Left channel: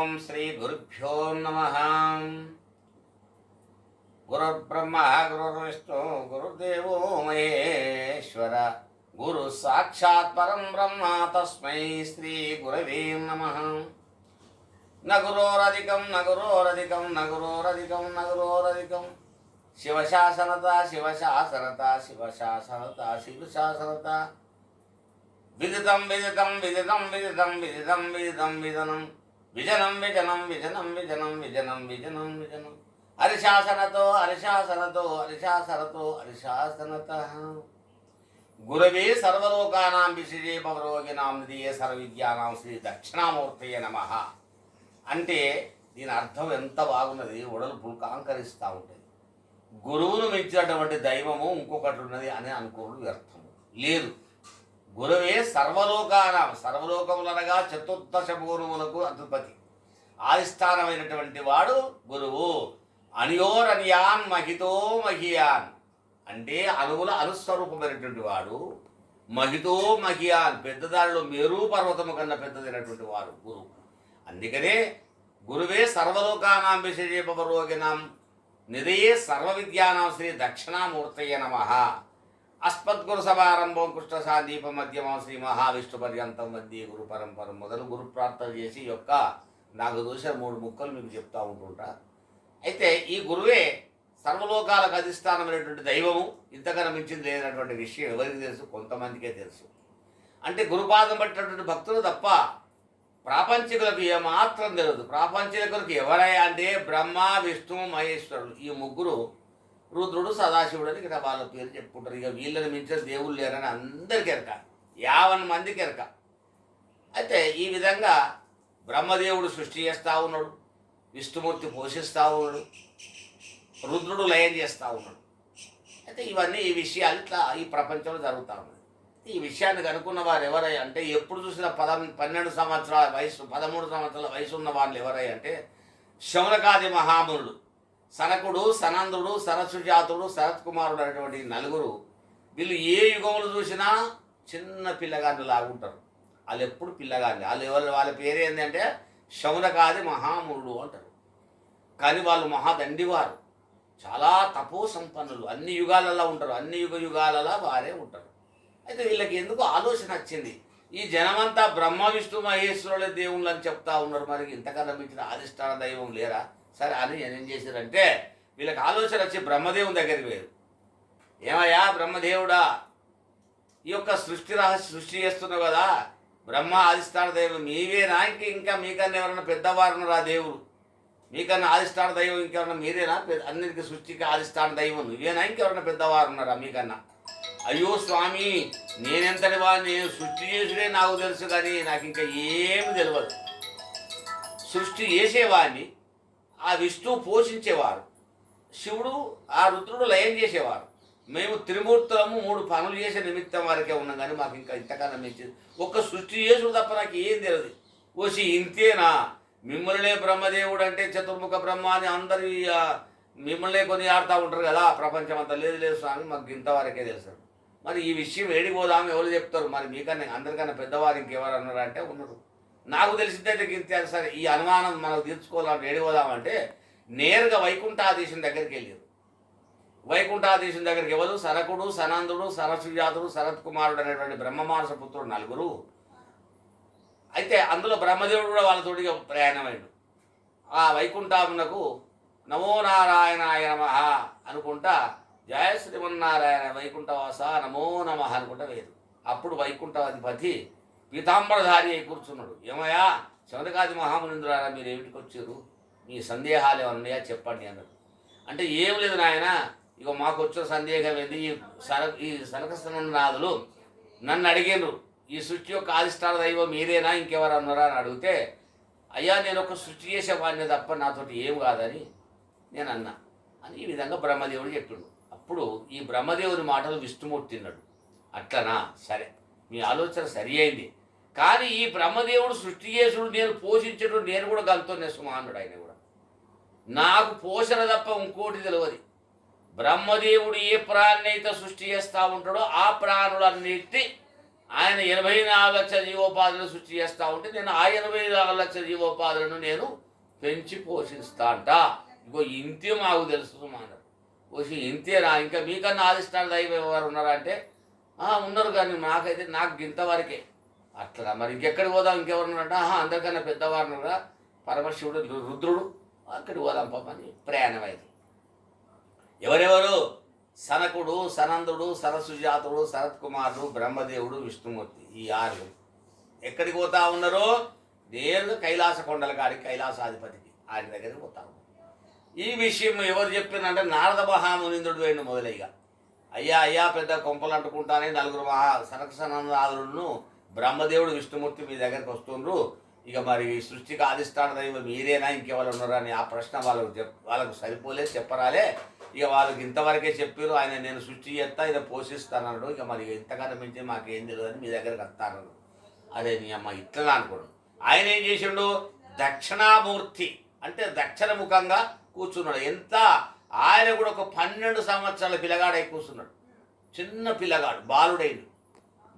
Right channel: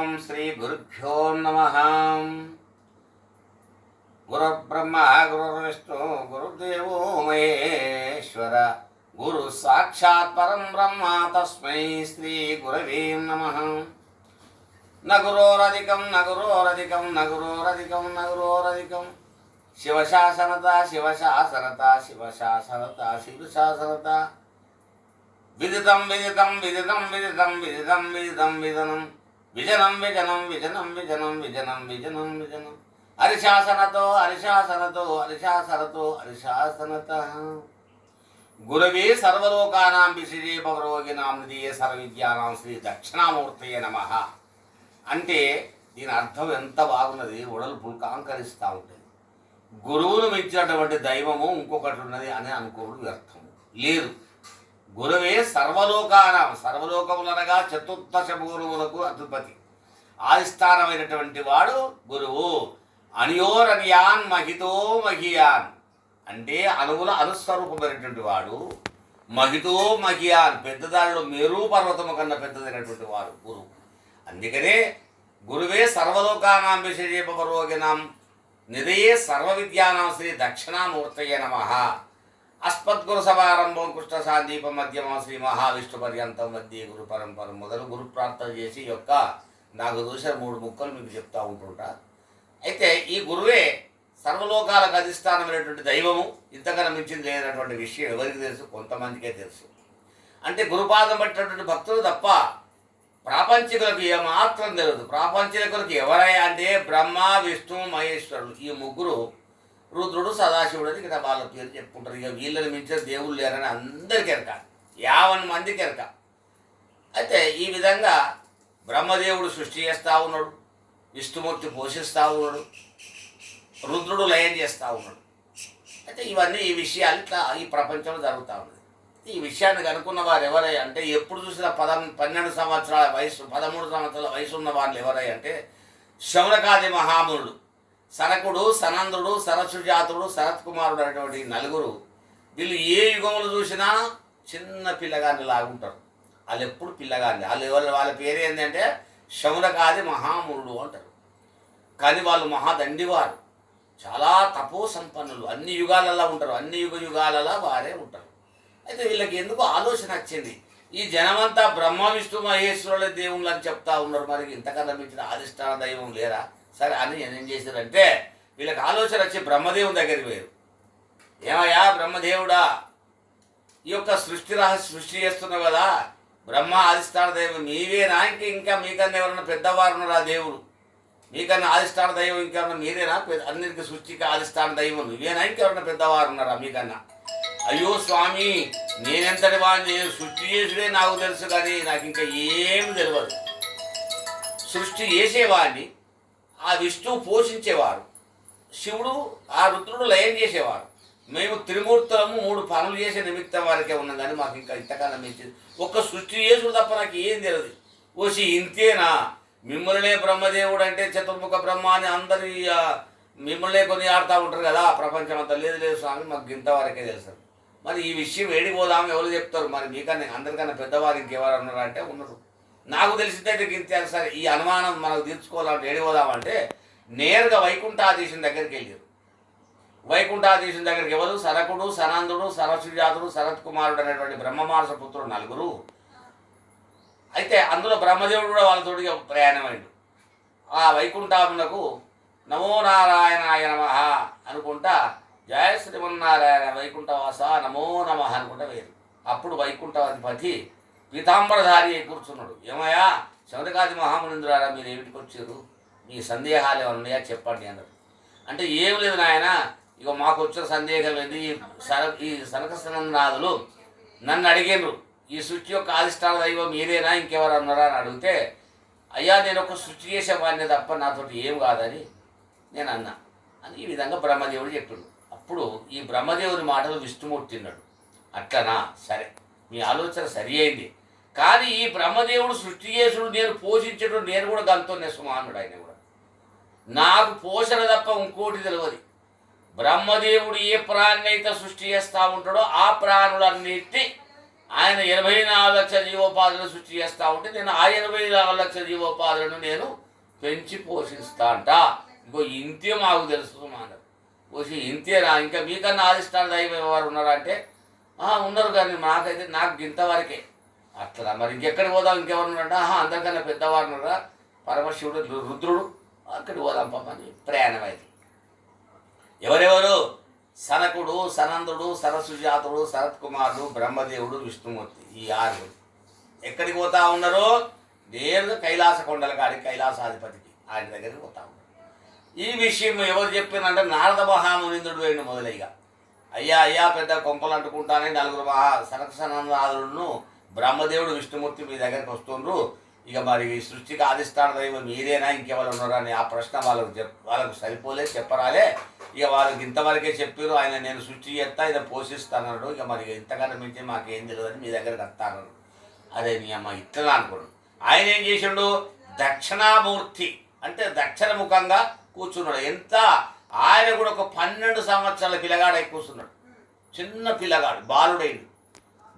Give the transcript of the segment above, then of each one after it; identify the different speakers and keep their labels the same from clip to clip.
Speaker 1: ఓం శ్రీ గురుభ్యో నమ. గురుబ్రహ్మ గురుర్విష్ణు గురుదేవో మహేశ్వర గురు సాక్షాత్ పరం బ్రహ్మ తస్మై శ్రీ గురవే నమ. నగురోరధికం నగురోరధికం నగురోరధికం నగురోరధికం. శివశాసనత శివశాసనత శివశాసనత శివశాసనత. విదితం విదితం విదితం విదితం విదితం విదితం విదనం. విజనం విజనం విజనం విజనం విజనం విజనం విజనం. హరిశాసనతో హరిశాసనతో హరిశాసనతో హరిశాసనత. గురవే సర్వలోకానాం విశిజే పవరోగినాం నిధియే సర్వవిద్యానాం శ్రీ దక్షిణామూర్తయ నమ. అంటే దీని అర్థం ఎంత బాగున్నది? ఉడలు పుల్కాంకరిస్తూ ఉంటుంది. గురువును మించినటువంటి దైవము ఇంకొకటి ఉన్నది అని అనుకోవడం వ్యర్థము. లేదు. గురువే సర్వలోకానం. సర్వలోకములనగా చతుర్దశ పూర్వములకు అధిపతి. ఆదిస్థానమైనటువంటి వాడు గురువు. అనియోరనియాన్ మహితో మహియాన్. అంటే అణువుల అనుస్వరూపమైనటువంటి వాడు. మహితో మహియాన్. పెద్దదానిలో మేరు పర్వతము కన్నా పెద్దదైనటువంటి వాడు గురువు. అందుకనే గురువే సర్వలోకానాం విశేషపరోగినాం నిదయే సర్వ విద్యానాం శ్రీ దక్షిణామూర్తయ నమ. అస్మద్గురు సమారంభం కృష్ణ సాందీప మధ్యమం శ్రీ మహావిష్ణు పర్యంతం మధ్య గురు పరంపర మొదలు గురు ప్రార్థన చేసి యొక్క నాకు చూసిన మూడు ముక్కలు మీకు చెప్తూ ఉంటుంటా. అయితే ఈ గురువే సర్వలోకాలకు అధిష్టానమైనటువంటి దైవము. ఇంతకన్నా మించింది లేనటువంటి విషయం ఎవరికి తెలుసు? కొంతమందికే తెలుసు. అంటే గురుపాదం పట్టినటువంటి భక్తులు తప్ప ప్రాపంచికులకు ఏమాత్రం తెలియదు ప్రాపంచికులకు ఎవరయ్యా అంటే బ్రహ్మ విష్ణు మహేశ్వరులు. ఈ ముగ్గురు రుద్రుడు సదాశివుడు అని ఇక్కడ వాళ్ళ పేరు చెప్పుకుంటారు. ఇక వీళ్ళని మించిన దేవుళ్ళు లేరని అందరికీ ఎరక యావన్ మందికి ఎరక అయితే ఈ విధంగా బ్రహ్మదేవుడు సృష్టి చేస్తూ ఉన్నాడు విష్ణుమూర్తి పోషిస్తూ ఉన్నాడు రుద్రుడు లయం చేస్తూ ఉన్నాడు. అయితే ఇవన్నీ ఈ విషయాలు ఇట్లా ఈ ప్రపంచంలో జరుగుతూ ఉన్నది ఈ విషయాన్ని కనుక్కున్న వారు ఎవరై అంటే ఎప్పుడు చూసినా పద పన్నెండు సంవత్సరాల వయసు పదమూడు సంవత్సరాల వయసు ఉన్న వాళ్ళు ఎవరై అంటే శౌనకాది మహామునుడు సనకుడు సనందుడు సరస్సుజాతుడు శరత్ కుమారుడు అనేటువంటి నలుగురు వీళ్ళు ఏ యుగములు చూసినా చిన్న పిల్లగాన్ని లాగుంటారు. వాళ్ళు ఎప్పుడు పిల్లగాన్ని వాళ్ళు ఎవరు వాళ్ళ పేరు ఏంటంటే శౌనకాది మహాముడు అంటారు. కానీ వాళ్ళు మహాదండివారు. చాలా తపో సంపన్నులు అన్ని యుగాలలో ఉంటారు. అన్ని యుగ యుగాలలో వారే ఉంటారు. అయితే వీళ్ళకి ఎందుకు ఆలోచన వచ్చింది ఈ జనమంతా బ్రహ్మ విష్ణు మహేశ్వరుల దేవుళ్ళు అని చెప్తా ఉన్నారు. మరి ఇంతకన్నా మించిన అధిష్టాన దైవం లేరా? సరే అని ఏం చేశారంటే వీళ్ళకి ఆలోచన వచ్చి బ్రహ్మదేవుని దగ్గరికి వేరు ఏమయ్యా బ్రహ్మదేవుడా? ఈ యొక్క సృష్టి రహస్య సృష్టి చేస్తున్నావు కదా బ్రహ్మ ఆదిష్టాన దైవం మీవేనా ఇంక ఇంకా మీకన్నా ఎవరన్నా పెద్దవారు రా దేవుడు? మీకన్నా ఆదిష్టాన దైవం ఇంకెవరన్నా మీరేనా? అందరికీ సృష్టికి ఆదిష్టాన దైవం నువ్వేనా? ఇంకెవరన్నా పెద్దవారున్నారా మీకన్నా? అయ్యో స్వామి నేనెంతటి వాడిని? నేను సృష్టి చేసుడే నాకు తెలుసు కానీ నాకు ఇంకా ఏమి తెలియదు సృష్టి చేసేవాడిని ఆ విష్ణువు పోషించేవారు. శివుడు ఆ రుద్రుడు లయం చేసేవారు. మేము త్రిమూర్తులము మూడు పనులు చేసే నిమిత్తం వారికే ఉన్నాం కానీ మాకు ఇంకా ఇంతకాలం మించి ఒక్క సృష్టి చేసుడు తప్ప నాకు ఏం తెలియదు ఓసి ఇంతేనా? మిమ్మల్నే బ్రహ్మదేవుడు అంటే చతుర్ముఖ బ్రహ్మ అని అందరి మిమ్మల్నే కొని ఆడుతూ ఉంటారు కదా ఆ ప్రపంచం అంతా. లేదు లేదు స్వామి మాకు ఇంతవరకే తెలుసు. మరి ఈ విషయం ఏడిపోదాం ఎవరు చెప్తారు? మరి మీకన్నా అందరికన్నా పెద్దవారు ఇంకెవరు ఉన్నారంటే ఉన్నారు. నాకు తెలిసిందైతే ఇంతే సరే ఈ అనుమానం మనకు తీర్చుకోవాలంటే ఏడిపోదామంటే నేరుగా వైకుంఠాధీశం దగ్గరికి వెళ్ళారు. వైకుంఠాధీశం దగ్గరికి ఎవరు? సరకుడు సనందుడు సరస్సుజాతుడు శరత్ కుమారుడు అనేటువంటి బ్రహ్మమానస పుత్రుడు నలుగురు. అయితే అందులో బ్రహ్మదేవుడు కూడా వాళ్ళతోటిగా ప్రయాణమైండు. ఆ వైకుంఠమునకు నమో నారాయణాయ నమ అనుకుంటా జయ శ్రీమన్నారాయణ వైకుంఠవాస నమో నమ అనుకుంటా వేరు. అప్పుడు వైకుంఠాధిపతి పీతాంబరధారి కూర్చున్నాడు. ఏమయ్యా? శౌనకాది మహామునింద్రారా మీరు ఏమిటికి వచ్చారు? మీ సందేహాలు ఏమైనా ఉన్నాయా? చెప్పండి అన్నాడు. అంటే ఏం లేదు నాయన ఇక మాకు వచ్చిన సందేహం ఏంది? ఈ సర ఈ సనకసనాదులు నన్ను అడిగారు ఈ సృష్టి యొక్క ఆదిష్టాన దైవం మీరేనా? ఇంకెవరు అన్నారా అని అడిగితే అయ్యా నేను ఒక సృష్టి చేసేవాడిని తప్ప నాతోటి ఏం కాదని నేను అన్నా. అని ఈ విధంగా బ్రహ్మదేవుడు చెప్పాడు అప్పుడు ఈ బ్రహ్మదేవుని మాటలు విష్ణుమూర్తి తిన్నాడు అట్లనా? సరే మీ ఆలోచన సరి అయింది. కానీ ఈ బ్రహ్మదేవుడు సృష్టి చేసుడు నేను పోషించడు నేను కూడా గంతో సుమానుడు ఆయన కూడా. నాకు పోషణ తప్ప ఇంకోటి తెలియదు బ్రహ్మదేవుడు ఏ ప్రాణి సృష్టి చేస్తూ ఉంటాడో ఆ ప్రాణులన్నిటి ఆయన ఎనభై నాలుగు లక్షల జీవోపాధులను సృష్టి చేస్తూ ఉంటే నేను ఆ ఎనభై నాలుగు లక్షల జీవోపాధులను నేను పెంచి పోషిస్తా అంట. ఇంకో ఇంతే మాకు తెలుసు అన్నారు వచ్చి ఇంతేనా ఇంకా మీకన్నా ఆదిష్టాన దైవం ఎవరు ఉన్నారంటే ఉన్నారు కానీ నాకైతే నాకు ఇంతవరకే. అట్లా మరి ఇంకెక్కడికి పోదాం? ఇంకెవరు ఆహా అందరికన్నా పెద్దవారున్నారా? పరమశివుడు రుద్రుడు అక్కడికి పోదాం పాపని ప్రయాణం అయింది. ఎవరెవరు? సనకుడు సనందుడు సరసుజాతుడు శరత్ కుమారుడు బ్రహ్మదేవుడు విష్ణుమూర్తి ఈ ఆరు. ఎక్కడికి పోతా ఉన్నారు? నేరుగా కైలాస కొండల కాడి కైలాసాధిపతికి ఆయన దగ్గరికి పోతా ఉన్నారు. ఈ విషయం ఎవరు చెప్పినంటే నారద మహామునిందుడు అయిన మొదలయ్యా. అయ్యా అయ్యా పెద్ద కొంపలు అంటుకుంటానని నలుగురు మహా సనకసనందాదులను బ్రహ్మదేవుడు విష్ణుమూర్తి మీ దగ్గరకు వస్తుండ్రు. ఇక మరి సృష్టికి ఆదిష్టాన దైవం మీరేనా? ఇంకెవరు ఉన్నారా? అని ఆ ప్రశ్న వాళ్ళకు చెప్ వాళ్ళకు సరిపోలే చెప్పరాలే. ఇక వాళ్ళకి ఇంతవరకే చెప్పారు ఆయన నేను సృష్టి చేస్తా ఆయన పోషిస్తానన్నాడు. ఇక మరి ఇంతకన్నా మించి మాకేం తెలియదు అని మీ దగ్గరకు వస్తానన్నాడు. అదే నీ అమ్మ ఇట్లా అనుకోడు ఆయన ఏం చేసిండు? దక్షిణామూర్తి అంటే దక్షిణ ముఖంగా కూర్చున్నాడు. ఎంత? ఆయన కూడా ఒక పన్నెండు సంవత్సరాల పిల్లగాడై కూర్చున్నాడు. చిన్న పిల్లగాడు బాలుడైంది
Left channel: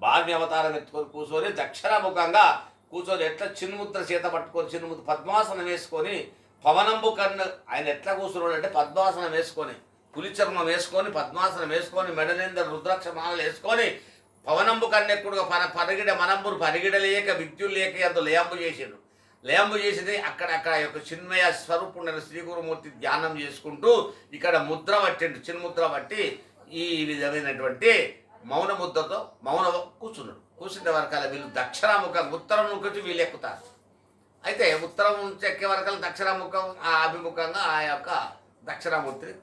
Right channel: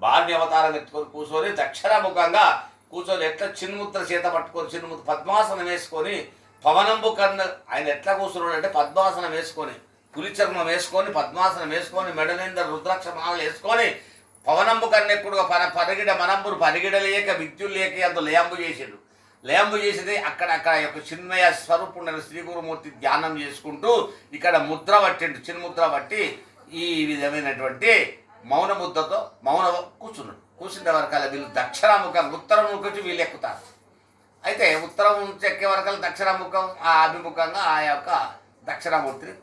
Speaker 1: బాల్య అవతారం ఎత్తుకొని కూర్చొని దక్షిణముఖంగా కూర్చొని ఎట్లా చిన్ముద్ర చేత పట్టుకొని చిన్ముద్ర పద్మాసనం వేసుకొని పవనంబు కర్ణ ఆయన ఎట్లా కూర్చున్నాడు అంటే పద్మాసనం వేసుకొని పులిచర్మం వేసుకొని పద్మాసనం వేసుకొని మెడనింద రుద్రాక్ష మాలలు వేసుకొని పవనంబు కన్నెక్కుడుగా పర పరిగిడ మనంబురు పరిగిడ లేక విద్యులు లేక అంత లేంబు చేసిండు. లేంబు చేసింది అక్కడ అక్కడ యొక్క చిన్మయ స్వరూపుండైన శ్రీ గురుమూర్తి ధ్యానం చేసుకుంటూ ఇక్కడ ముద్ర పట్టిండు. చిన్ముద్ర పట్టి ఈ విధమైనటువంటి మౌన ముద్దతో మౌన కూర్చున్నాడు. కూర్చుంటే వరకాల వీళ్ళు దక్షిణాముఖం ఉత్తరం నుంచి వీళ్ళు ఎక్కుతారు. అయితే ఉత్తరం చెక్కే ఎక్కే వరకల్ దక్షిణాముఖం ఆ అభిముఖంగా ఆ యొక్క దక్షిణామూర్తిని